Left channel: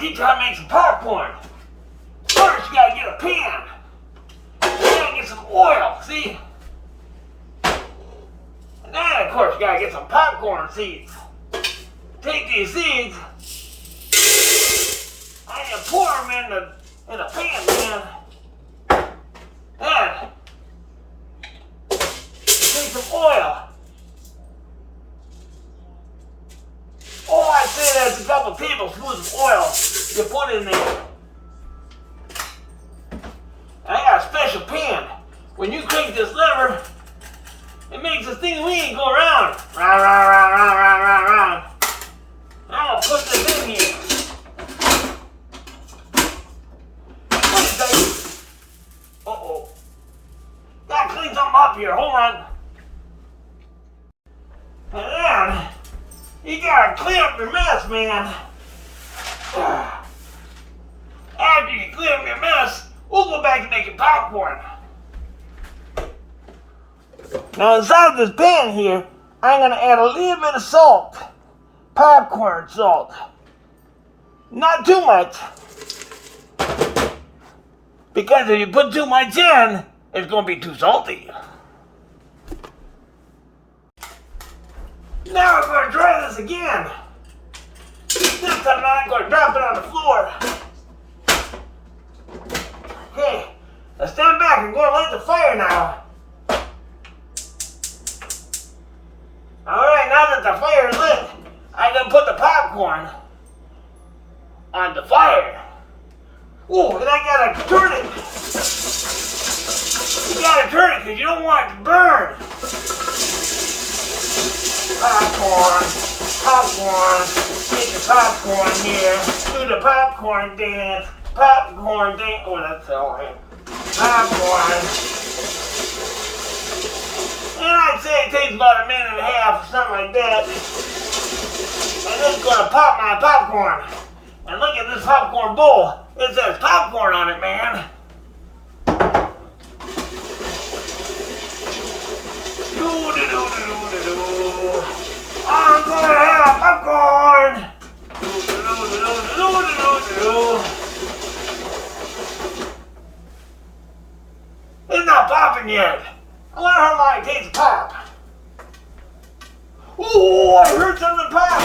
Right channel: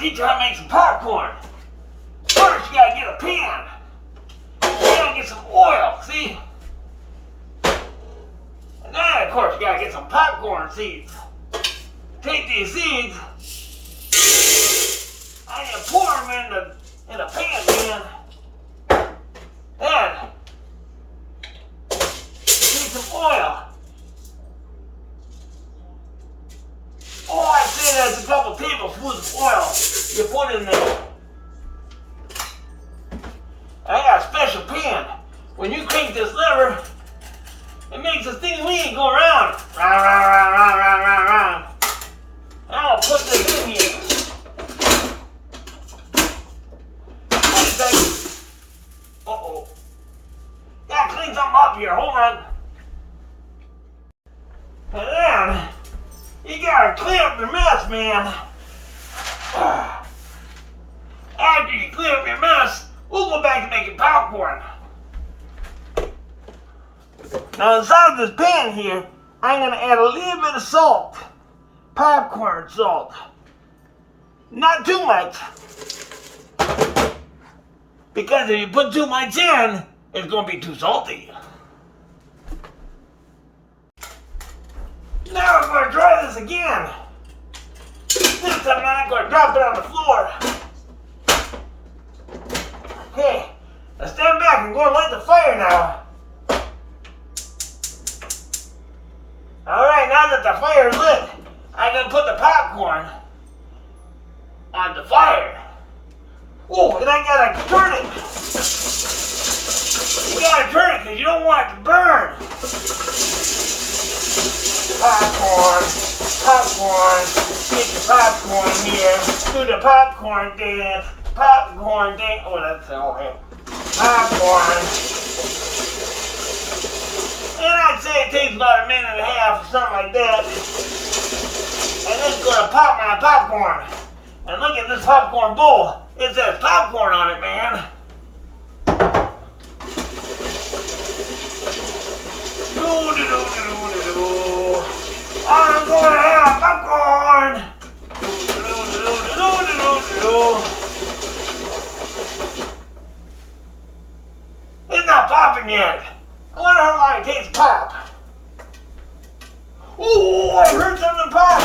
teach you how to make some popcorn. First, you gotta get a pan. You gotta get some oil, see? And then, of course, you gotta get some popcorn seeds. Take these seeds and you pour them in the pan, man. Then, take some oil. Oh, I'd say there's a couple tablespoons of oil you put in there. I got a special pan. When you crank this lever, it makes this thing wheel go round. Round, round, round, round, round, round, round. I'll put this in here. Wait a second. Uh-oh. Gotta clean something up here. Hold on. And then, you gotta clean up your mess, man. After you clean up your mess, we'll go back to making popcorn. Now inside of this pan here, I'm gonna add a little bit of salt. Popcorn salt. Not too much. Because if you put too much in, it's gonna be too salty. Now we're gonna try this again. This time I'm gonna drop it on the floor. Okay, now stand back. I'm gonna light the fire now. Alright, now that the fire is lit, I'm gonna put the popcorn on the fire. Oh, and I gotta turn it. You gotta turn it because you don't want it to burn. Popcorn, popcorn, take the popcorn here, do the popcorn dance, popcorn dance. Oh, that's all right. Popcorn. And I'd say it takes about a minute and a half or something like that. And then gonna pop my popcorn. And look at this popcorn bowl. It says popcorn on it, man. I'm gonna have popcorn. It's not popping yet. I wonder how long it takes to pop. Ooh, I heard something pop.